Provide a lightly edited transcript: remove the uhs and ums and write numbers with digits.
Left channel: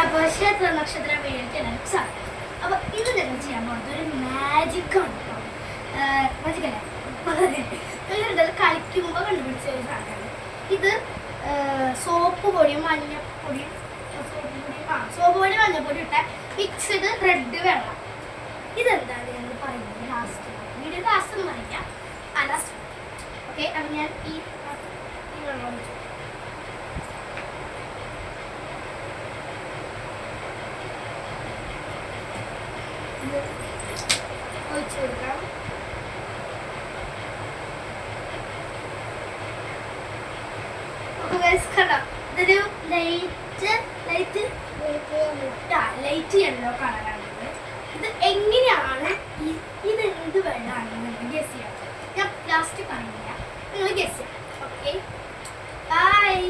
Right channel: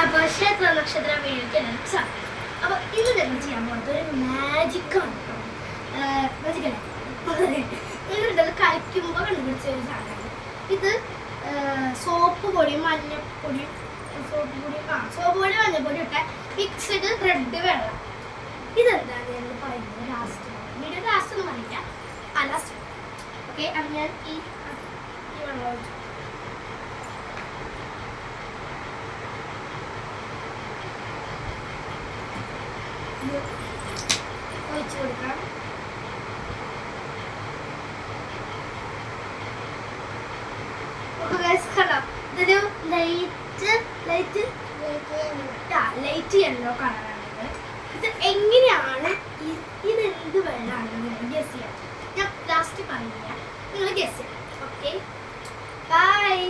അപ്പോൾ ക്ഷേത്ര നക്ഷത്ര വേണ്ടിയിട്ട് അപ്പോൾ ഇത് ഞങ്ങൾ ചെയ്യാൻ പോകുന്നത് ഒരു മാജിക്കാണ് കേട്ടോ. മാജിക്കല്ലേ എന്നിട്ട് കഴിക്കുമ്പോൾ കണ്ടുപിടിച്ച ഒരു സാധനമാണ് ഇത്. സോപ്പ് പൊടിയും മഞ്ഞപ്പൊടിയും സോപ്പ് പൊടി മഞ്ഞപ്പൊടി ഇട്ട മിക്സ്ഡ് ബ്രെഡ് വെള്ളം. ഇതെന്താണ് ഞങ്ങൾ പറയുന്നത് ലാസ്റ്റ് വീഡിയോ ലാസ്റ്റ് ഒന്നും പറയാം. Last okay. അപ്പം ഞാൻ ഈ വെള്ളം ഒഴിച്ചു കൊടുക്കാം. ഇതൊരു ലൈറ്റ് യെല്ലോ കളറാണ്. ഇത് എങ്ങനെയാണ് ഇത് എന്ത് വെള്ളമാണെന്ന് ഗസ് ചെയ്യാം. ഞാൻ ലാസ്റ്റ് പറഞ്ഞില്ല, നിങ്ങൾ ഗസ് ചെയ്യാം. Okay bye.